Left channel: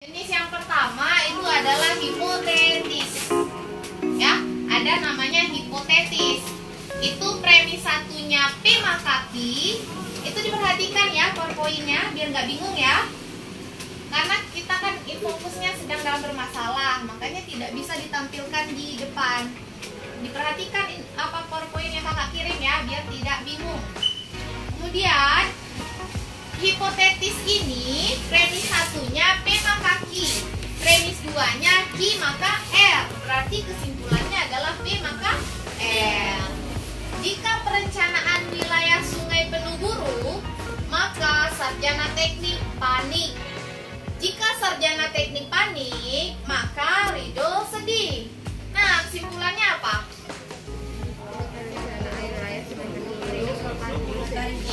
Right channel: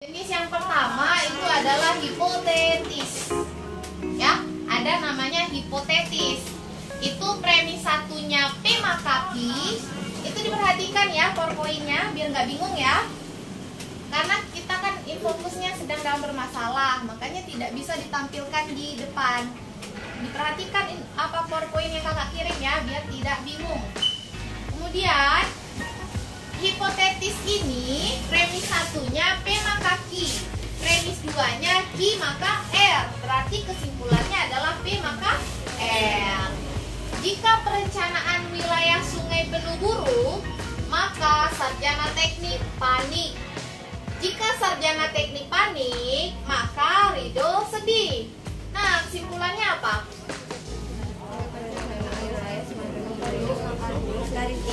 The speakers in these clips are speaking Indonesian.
Jenis yang pertama itu adalah hipotetis. Ya, ada namanya hipotetis. Itu premis satunya P maka Q. Itu diperhatikan ya PowerPoint-nya biar nggak bingung ya. Karena kita kan fokusnya sedang dalam bermasalah, makanya tidak bisa ditampilkan di depan. Diperhatikan apa PowerPoint yang kakak kirim ya, biar tidak bingung. Kemudian hipotetis ini premis satunya P maka Q, premis duanya Q maka R. Berarti kesimpulannya adalah P maka R. Jika perencanaan wilayah sungai penuh buruk, maka sarjana teknik panik. Jika sarjana teknik panik, maka Ridho sedih. Nah, kesimpulannya apa?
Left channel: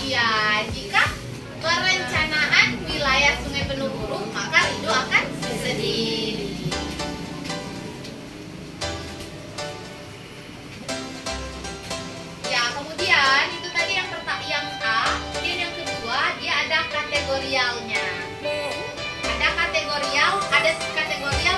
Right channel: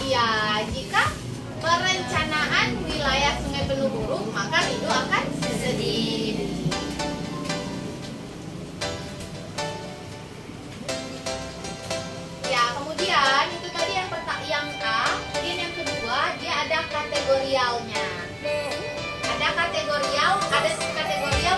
Iya, jika perencanaan wilayah sungai penuh buruk, maka Ridho akan sedih. Ya, kemudian itu tadi yang A, kemudian yang kedua dia ada kategorialnya. Ada kategorial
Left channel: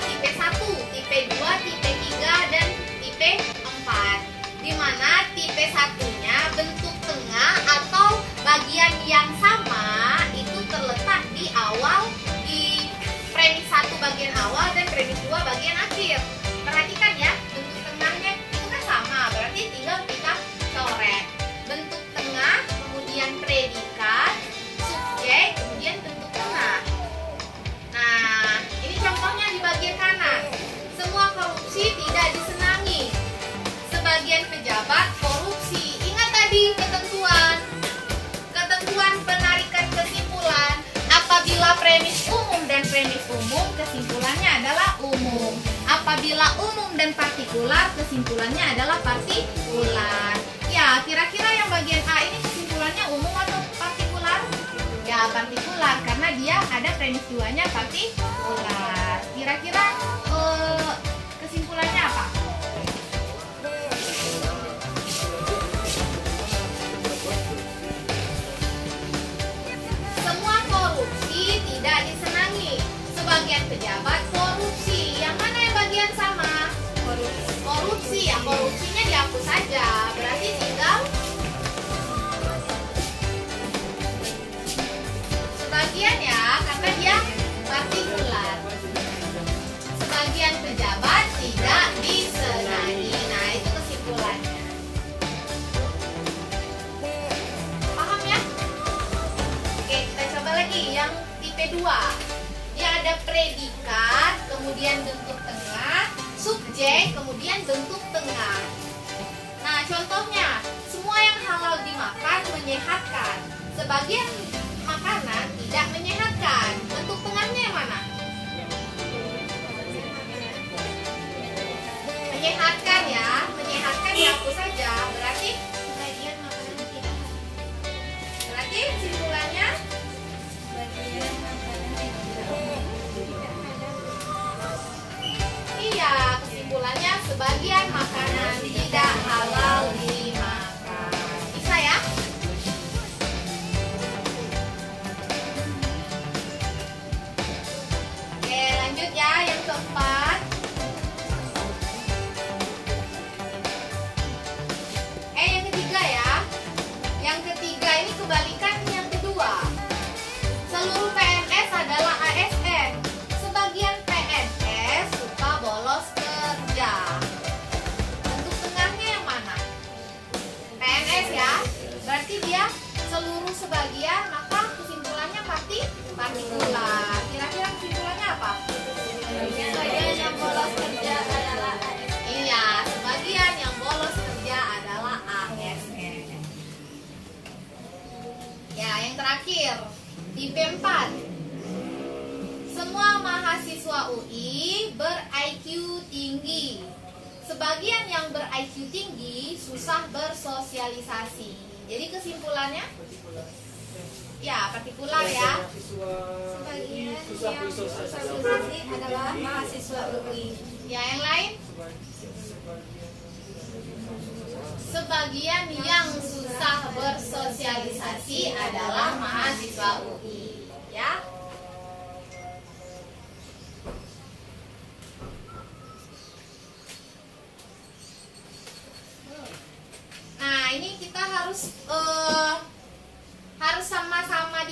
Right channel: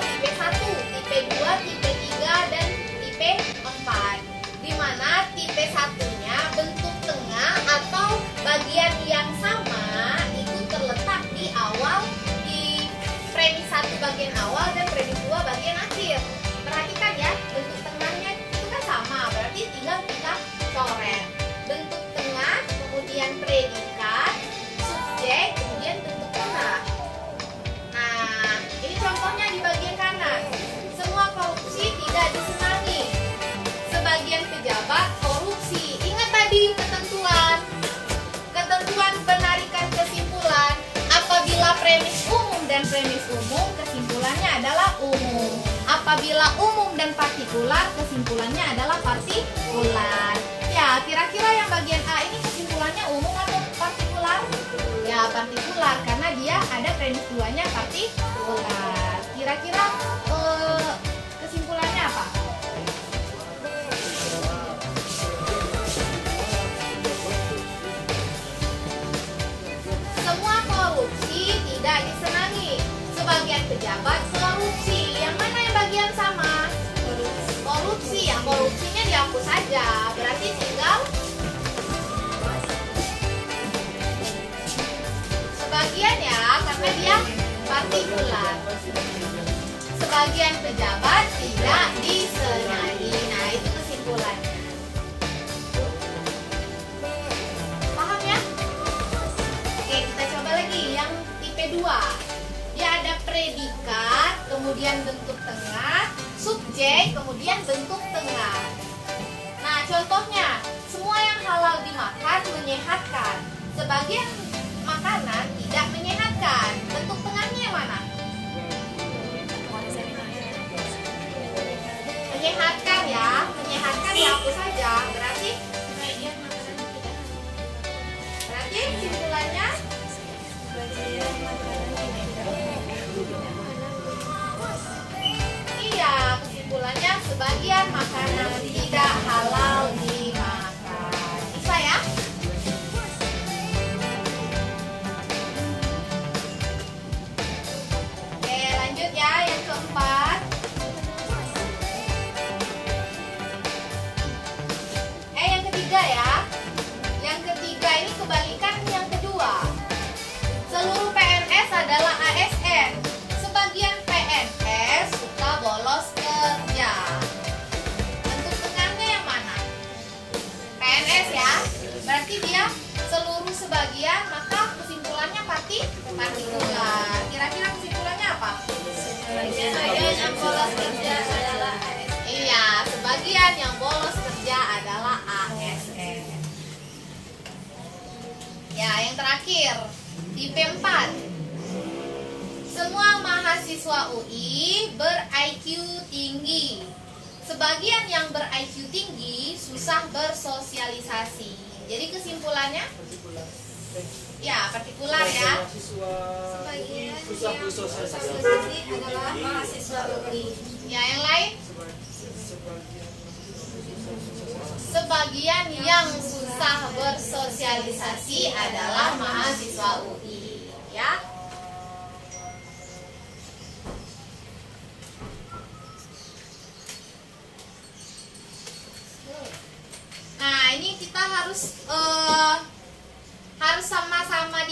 tipe 1, tipe 2, tipe 3 dan tipe 4. Di mana tipe 1-nya bentuk tengah atau bagian yang sama itu terletak di awal, di premis 1 bagian awal dan premis 2 bagian akhir. Perhatikan ya, bentuk tengahnya itu kan sama, berarti tinggal kita coret. Bentuk tengah, kemudian predikat, subjek, kemudian bentuk tengah. Nah, ini contohnya di bagian kanan. Semua korupsi tidak disenangi. Sebagian pejabat korupsi. Ingat tadi ketentuan penarikan kesimpulan. Apabila premis umum dan premis umum, kesimpulannya adalah umum. Apabila umum dan partikular, kesimpulannya adalah partikular. Ya, kira-kira yang bagian A ini kesimpulannya umum atau partikular? Ya, partikular karena dia ada premis 2-nya partikular. Kira-kira kesimpulannya apa? Semua korupsi tidak disenangi. Sebagian pejabat korupsi. Yang mana yang bagian sama? Korupsi. Ya, korupsinya dihapus saja. Berarti tinggal sebagian ya, karena dia partikular. Sebagian pejabat tidak disenangi. Nah, itu kesimpulannya. Paham ya? Oke, kita coba lagi yang tipe 2. Dia ada predikat, kemudian bentuk tengah, subjek, kemudian bentuk tengah. Nah, contohnya, semua yang halal dimakan menyehatkan. Sebagian makanan tidak menyehatkan. Bentuk tengahnya yang mana? Menyehatkan ya, menyehatkan dihapus saja. Berarti kesimpulannya iya, kesimpulannya sebagian makanan tidak halal dimakan. Bisa ya? Oke, lanjut ya yang keempat. Yang ketiga ya. Yang ketiga ini kebalikan yang kedua. Seluruh PNS adalah ASN. Sebagian PNS suka bolos kerja. Bentuk tengahnya yang mana? PNS ya. Berarti dia seluruh sebagian, maka kesimpulannya partikular. Kira-kira kesimpulannya apa? Sebagian yang bolos kerja adalah ASN. Iya, sebagian yang bolos kerja adalah ASN. Ya, yang terakhir, tipe 4. Semua mahasiswa UI ber-IQ tinggi. Sebagian yang ber-IQ tinggi susah bersosialisasi. Jadi kesimpulannya? Ya, partikular ya. Sebagian yang susah bersosialisasi adalah mahasiswa UI. Ya, yang lain? Sebagian yang susah bersosialisasi adalah mahasiswa UI, ya. harus sama-sama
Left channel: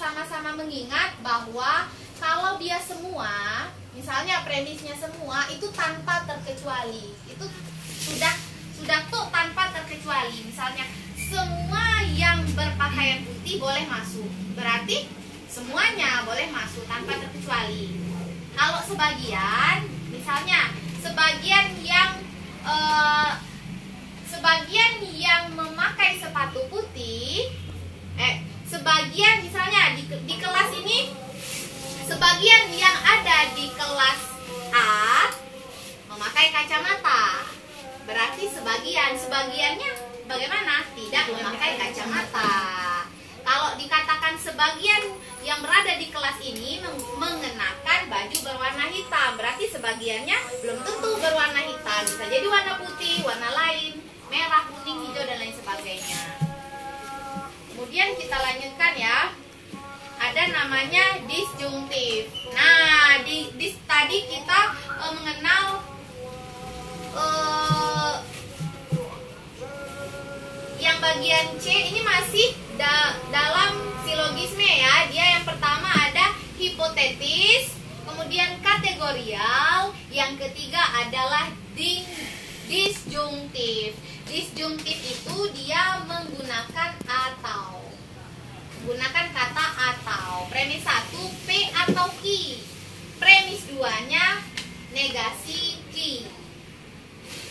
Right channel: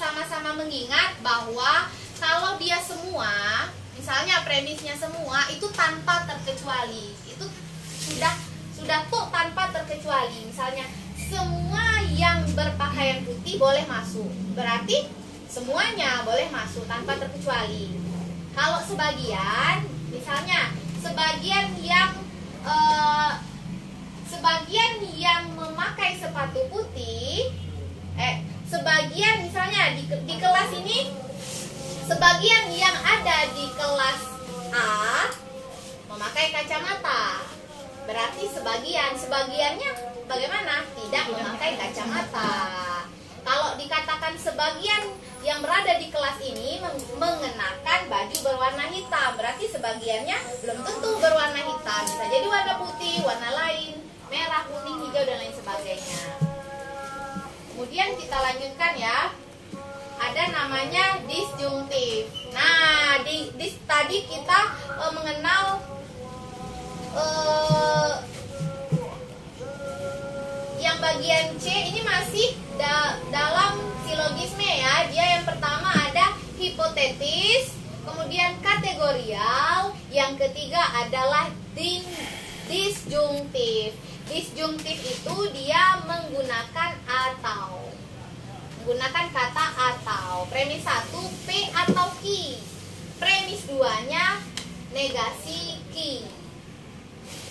sama-sama mengingat bahwa kalau dia semua, misalnya premisnya semua itu tanpa terkecuali, itu sudah tuh tanpa terkecuali. Misalnya semua yang berpakaian putih boleh masuk, berarti semuanya boleh masuk tanpa terkecuali. Kalau sebagian, misalnya sebagian yang memakai sepatu putih, sebagian misalnya di kelas ini, sebagian yang ada di kelas A memakai kacamata, berarti sebagiannya bagaimana? Tidak memakai kacamata. Kalau dikatakan sebagian yang berada di kelas ini mengenakan baju berwarna hitam, berarti sebagiannya belum tentu berwarna hitam, bisa jadi warna putih, warna lain, merah, kuning, hijau, dan lain sebagainya. Kemudian kita lanjutkan ya, ada namanya disjunktif. Nah, tadi kita mengenal yang bagian C ini masih dalam silogisme ya. Dia yang pertama ada hipotetis, kemudian kategorial, yang ketiga adalah disjunktif. Disjunktif itu dia menggunakan atau, menggunakan kata atau. Premis 1 P atau Q, premis 2-nya negasi Q,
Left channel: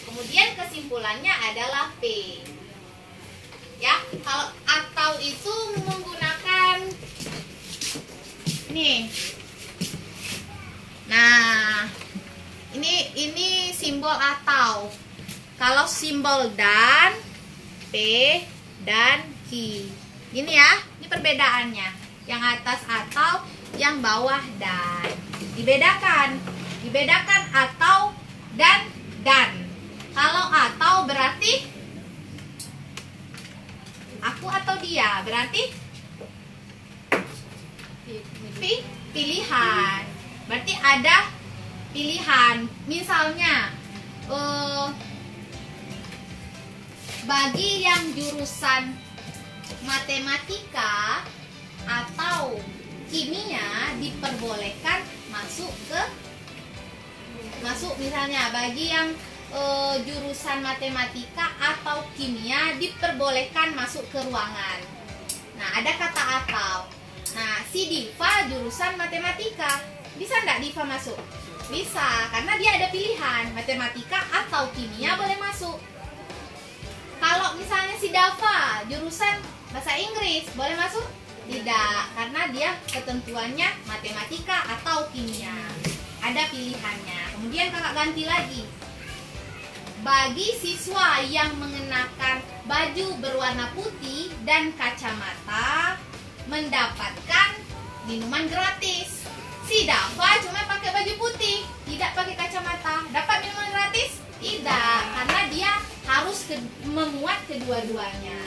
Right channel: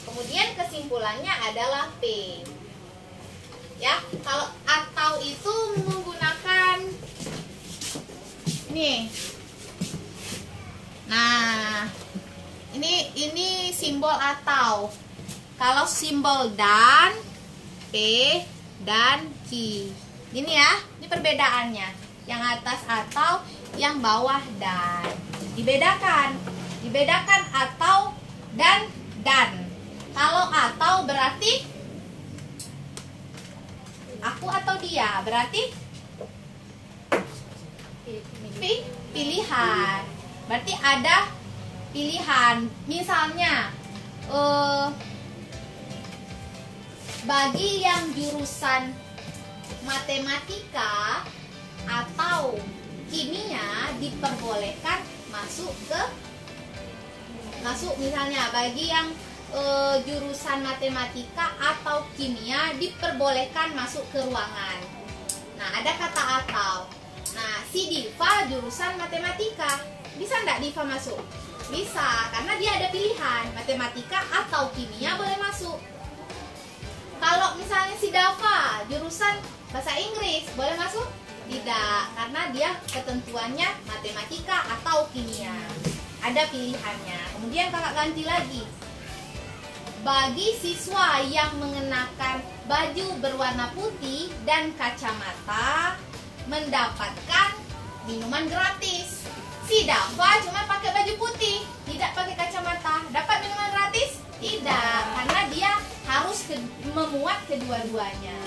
kemudian kesimpulannya adalah P. Ya, kalau atau itu menggunakan nih. Nah, ini simbol atau. Kalau simbol dan, P dan Q. Gini ya, ini perbedaannya. Yang atas atau, yang bawah dan. Dibedakan atau dan. Kalau atau berarti aku atau dia, berarti pilihan. Berarti ada pilihan. Misalnya bagi yang jurusan matematika atau kimia diperbolehkan masuk misalnya bagi yang jurusan matematika atau kimia diperbolehkan masuk ke ruangan. Nah, ada kata atau. Nah, si Diva jurusan matematika, bisa nggak Diva masuk? Bisa, karena dia ada pilihan matematika atau kimia boleh masuk. Kalau misalnya si Dava jurusan bahasa Inggris, boleh masuk? Tidak, karena dia ketentuannya matematika atau kimia. Ada pilihannya. Kemudian kakak ganti lagi. Bagi siswa yang mengenakan baju berwarna putih dan kacamata mendapatkan minuman gratis. Si Dava cuma pakai baju putih, tidak pakai kacamata. Dapat minuman gratis? Tidak, karena dia harus memuat kedua-duanya.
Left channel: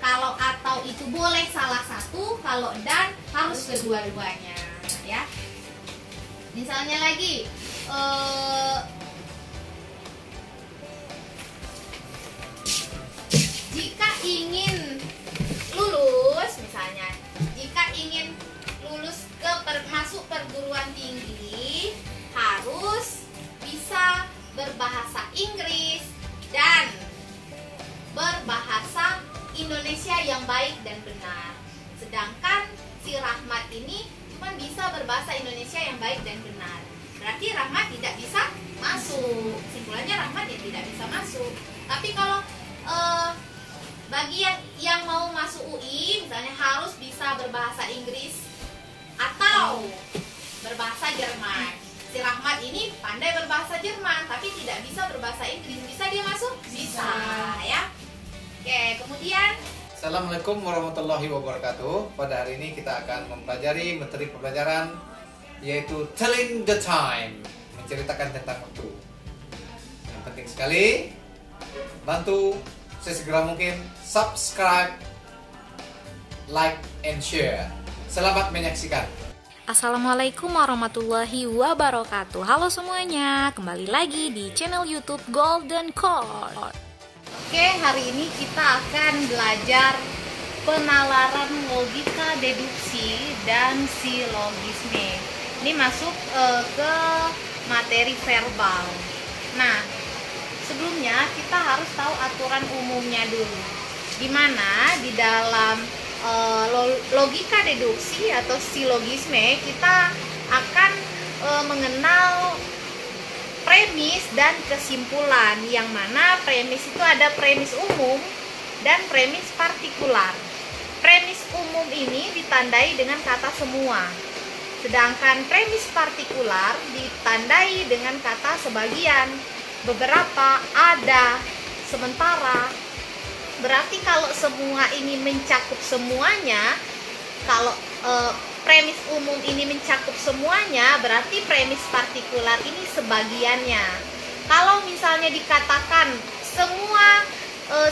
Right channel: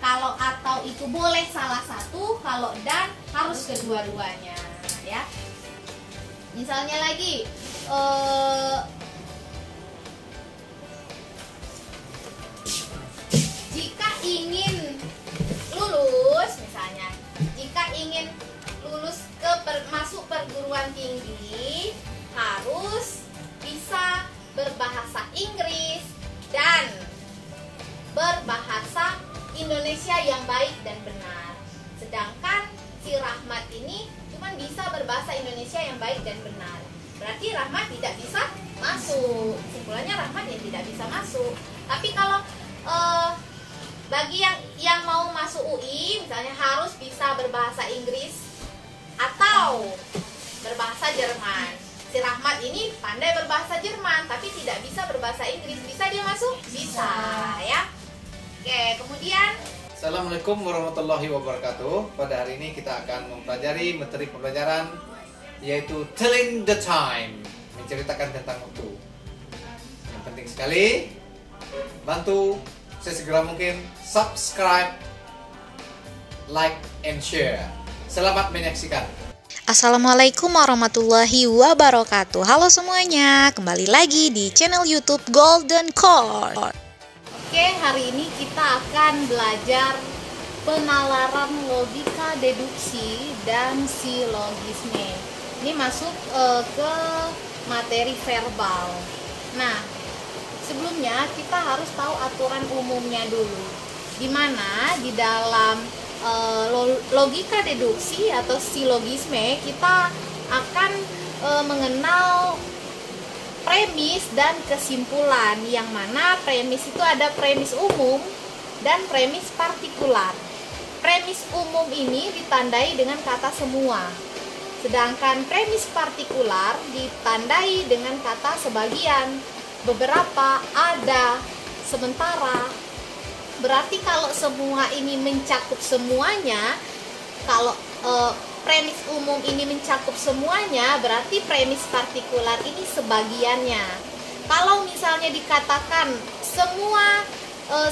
Kalau atau itu boleh salah satu, kalau dan harus kedua-duanya, ya. Misalnya lagi, jika ingin lulus, misalnya, jika ingin lulus masuk perguruan tinggi, harus bisa berbahasa Inggris dan berbahasa Indonesia yang baik dan benar. Sedangkan si Rahmat ini cuma bisa berbahasa Indonesia yang baik dan benar. Berarti Rahmat tidak bisa masuk. Kesimpulannya Rahmat ya tidak bisa masuk. Tapi kalau bagi yang mau masuk UI, misalnya harus bisa berbahasa Inggris atau berbahasa Jerman. Si Rahmat ini pandai berbahasa Jerman, tapi tidak bisa berbahasa Inggris. Bisa dia masuk? Bisa, ya. Oke, kemudian Assalamualaikum warahmatullahi wabarakatuh. Pada hari ini kita akan mempelajari materi pembelajaran yaitu telling the time, menceritakan tentang waktu. Yang penting sekali, bantu sesegera mungkin subscribe, like, and share. Selamat menyaksikan. Assalamualaikum warahmatullahi wabarakatuh. Halo semuanya, kembali lagi di channel YouTube Golden Core. Oke, hari ini kita akan belajar penalaran logika deduksi dan silogisme. Ini masuk ke materi verbal. Nah, sebelumnya kita harus tahu aturan umumnya dulu. Dimana di dalam logika deduksi atau silogisme kita akan mengenal premis dan kesimpulan, yang mana premis itu ada premis umum dan premis partikular. Premis umum ini ditandai dengan kata semua, sedangkan premis partikular ditandai dengan kata sebagian, beberapa, ada, sementara. Berarti kalau semua ini mencakup semuanya, kalau premis umum ini mencakup semuanya, berarti premis partikular ini sebagiannya. Kalau misalnya dikatakan semua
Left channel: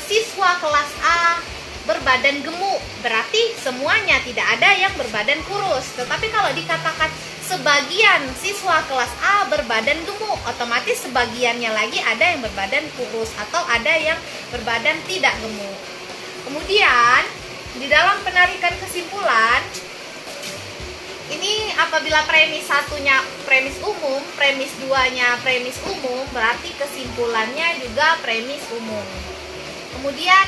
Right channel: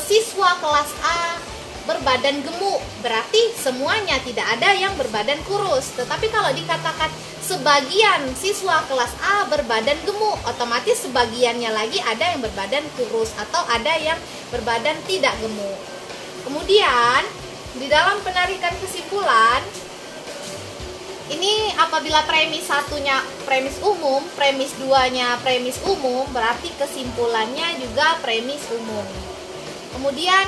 siswa kelas A berbadan gemuk, berarti semuanya, tidak ada yang berbadan kurus. Tetapi kalau dikatakan sebagian siswa kelas A berbadan gemuk, otomatis sebagiannya lagi ada yang berbadan kurus atau ada yang berbadan tidak gemuk. Kemudian di dalam penarikan kesimpulan, ini apabila premis satunya premis umum, premis duanya premis umum, berarti kesimpulannya juga premis umum. Kemudian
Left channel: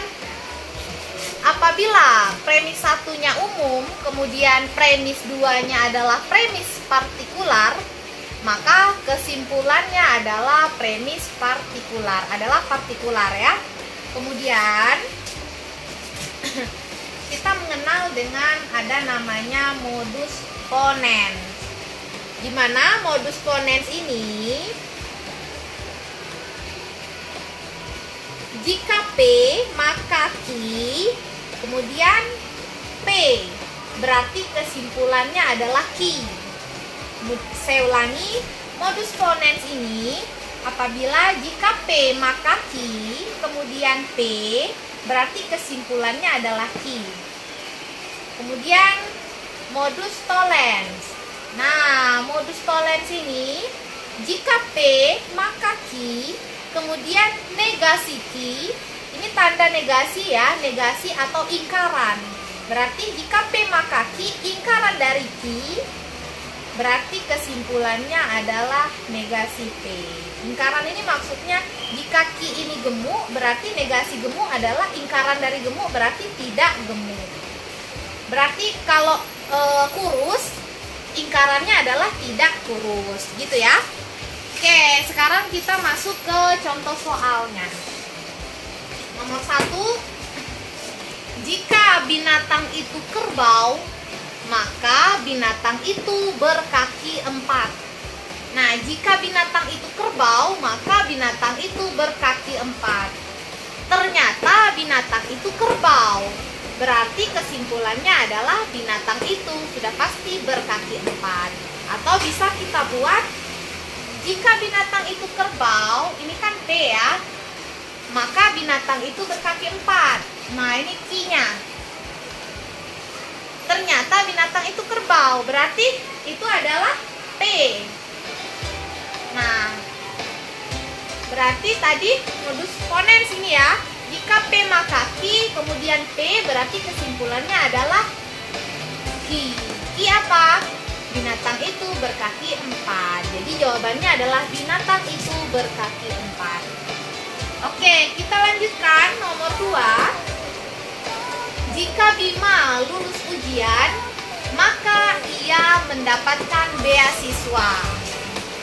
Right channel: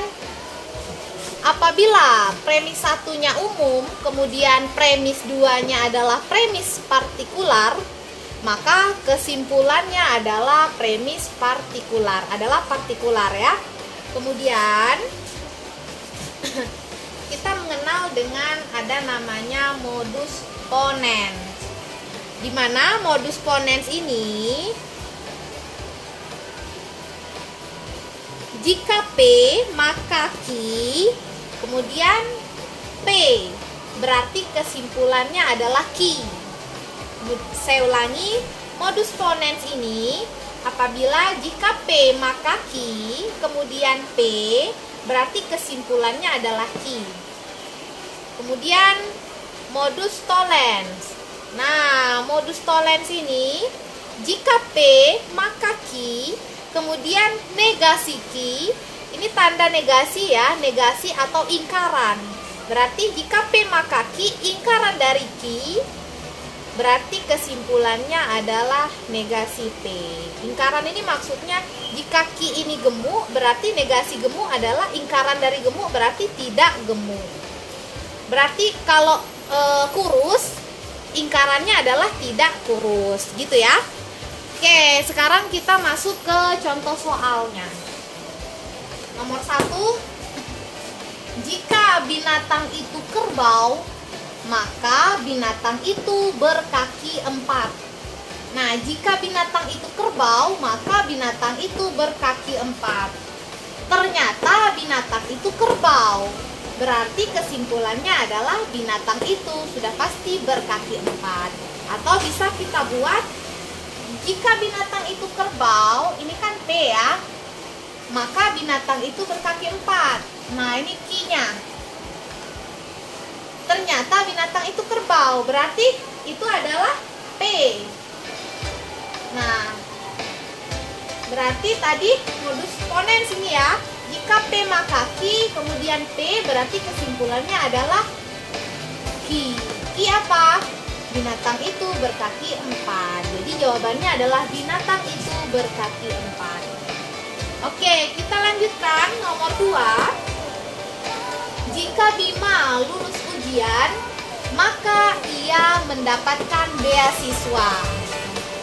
apabila premis satunya umum, kemudian premis duanya adalah premis partikular, maka kesimpulannya adalah premis partikular, adalah partikular ya. Kemudian kita mengenal dengan ada namanya modus ponens. Di mana modus ponens ini, jika P maka Q, kemudian P, berarti kesimpulannya adalah Q. Saya ulangi, modus ponens ini apabila jika P maka Q, kemudian P, berarti kesimpulannya adalah Q. Kemudian modus tollens. Nah, modus tollens ini jika P maka Q, kemudian negasi Q, ini tanda negasi ya, negasi atau ingkaran. Berarti jika P maka Q, ingkaran dari Q, berarti kesimpulannya adalah negasi P. Ingkaran ini maksudnya jika Q ini gemuk, berarti negasi gemuk adalah ingkaran dari gemuk, berarti tidak gemuk. Berarti kalau kurus, ingkarannya adalah tidak kurus, gitu ya. Oke, sekarang kita masuk ke contoh soalnya. Nomor 1, jika binatang itu kerbau, maka binatang itu berkaki 4. Nah, jika binatang itu kerbau, maka binatang itu berkaki 4. Ternyata binatang itu kerbau, berarti kesimpulannya adalah binatang itu sudah pasti berkaki 4. Atau bisa kita buat, jika binatang itu kerbau, ini kan P ya, maka binatang itu berkaki 4. Nah, ini Q-nya. Ternyata binatang itu kerbau, berarti itu adalah P. Nah, berarti tadi modus ponens ini ya, jika P maka Q, kemudian P, berarti kesimpulannya adalah Q. Q apa? Binatang itu berkaki 4. Jadi jawabannya adalah binatang itu berkaki 4. Oke, kita lanjutkan nomor 2. Jika Bima lulus ujian, maka ia mendapatkan beasiswa.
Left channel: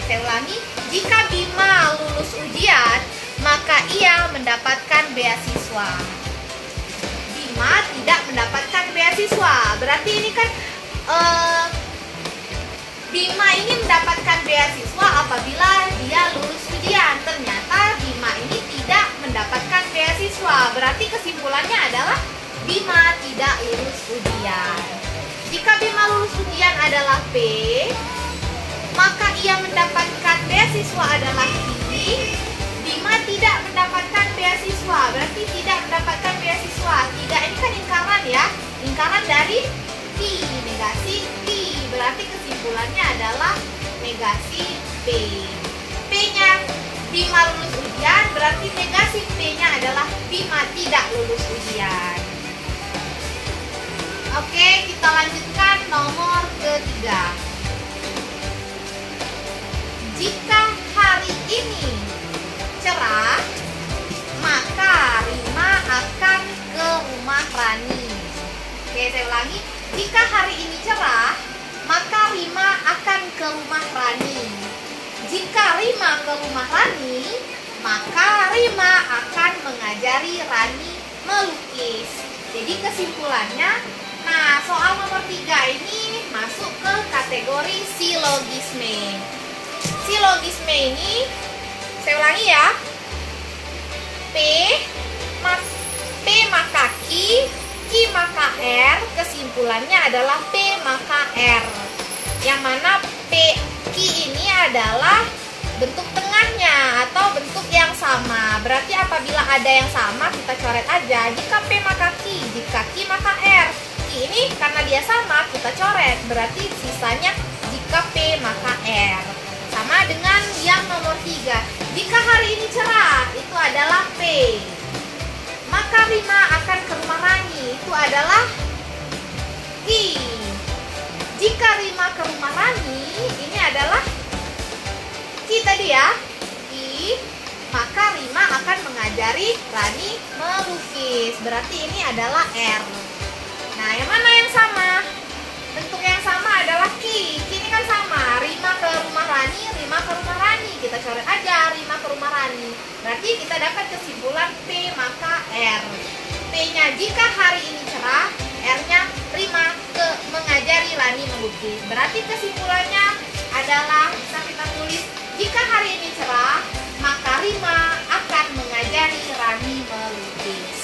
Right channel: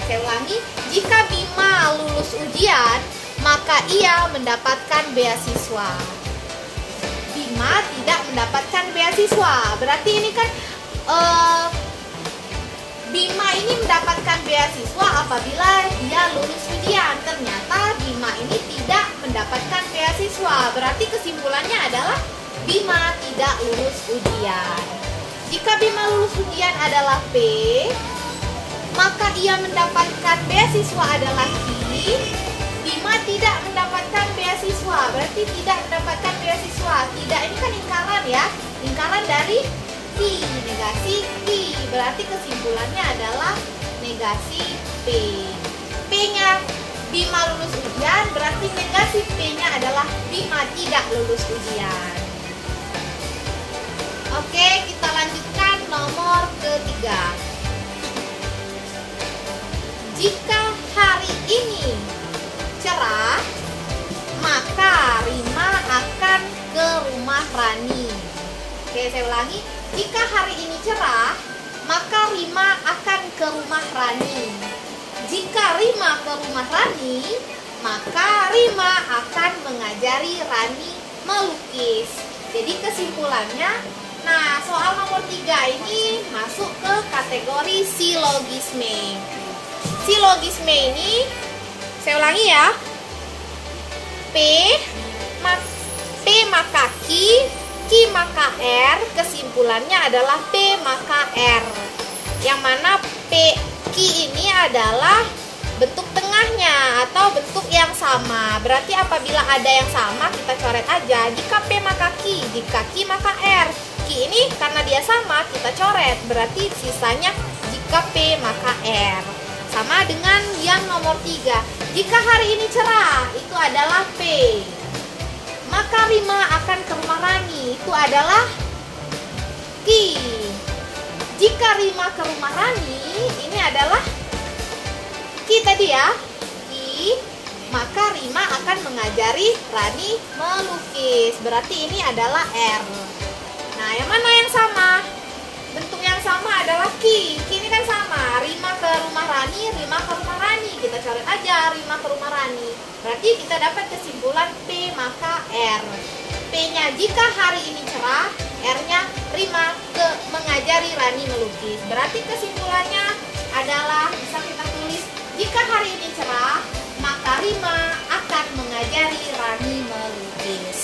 Saya ulangi, jika Bima lulus ujian, maka ia mendapatkan beasiswa. Bima tidak mendapatkan beasiswa, berarti ini kan Bima ini mendapatkan beasiswa apabila dia lulus ujian. Ternyata Bima ini tidak mendapatkan beasiswa, berarti kesimpulannya adalah Bima tidak lulus ujian. Jika Bima lulus ujian adalah P, maka ia mendapatkan beasiswa adalah Q. Bima tidak mendapatkan beasiswa, berarti tidak mendapatkan beasiswa. Tidak, ini kan lingkaran ya, lingkaran dari Q, negasi Q, berarti kesimpulannya adalah negasi P. P-nya Bima lulus ujian, berarti negasi P-nya adalah Bima Rima tidak lulus ujian. Oke, kita lanjutkan nomor ketiga. Jika hari ini cerah, maka Rima akan ke rumah Rani. Oke, saya ulangi. Jika hari ini cerah, maka Rima akan ke rumah Rani. Jika Rima ke rumah Rani, maka Rima akan mengajari Rani melukis. Jadi kesimpulannya, nah soal nomor 3 ini masuk ke kategori silogisme. Silogisme ini, saya ulangi ya. P maka Q maka R, kesimpulannya adalah P maka R. Yang mana Q ini adalah bentuk tengahnya atau bentuk yang sama. Berarti apabila ada yang sama kita coret aja. Jika P maka Q, jika Q maka R. Q ini karena dia sama kita coret. Berarti sisanya jika P maka R. Sama dengan yang nomor 3. Jika hari ini cerah, itu adalah P. Maka Rima akan ke rumah Rani, itu adalah Q. Jika Rima ke rumah Rani, ini adalah Q tadi ya, Q. Maka Rima akan mengajari Rani melukis. Berarti ini adalah R. Nah, yang mana yang sama? Bentuk yang sama adalah Q. Q ini kan sama. Rima ke rumah Rani, Rima ke rumah Rani. Kita coret aja Rima ke rumah Rani. Berarti kita dapat kesimpulan P maka R. P-nya jika hari ini cerah, R-nya Rima ke mengajari Rani melukis. Berarti kesimpulannya adalah bisa kita tulis jika hari ini cerah, maka Rima akan mengajari Rani melukis.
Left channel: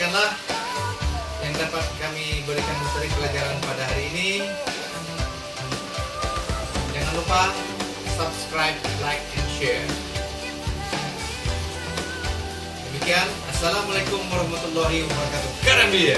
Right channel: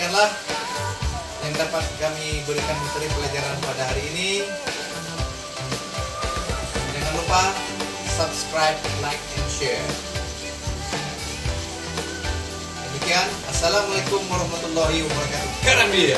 Demikianlah yang dapat kami berikan materi pelajaran pada hari ini. Jangan lupa subscribe, like, and share. Demikian, assalamualaikum warahmatullahi wabarakatuh. Karam dia.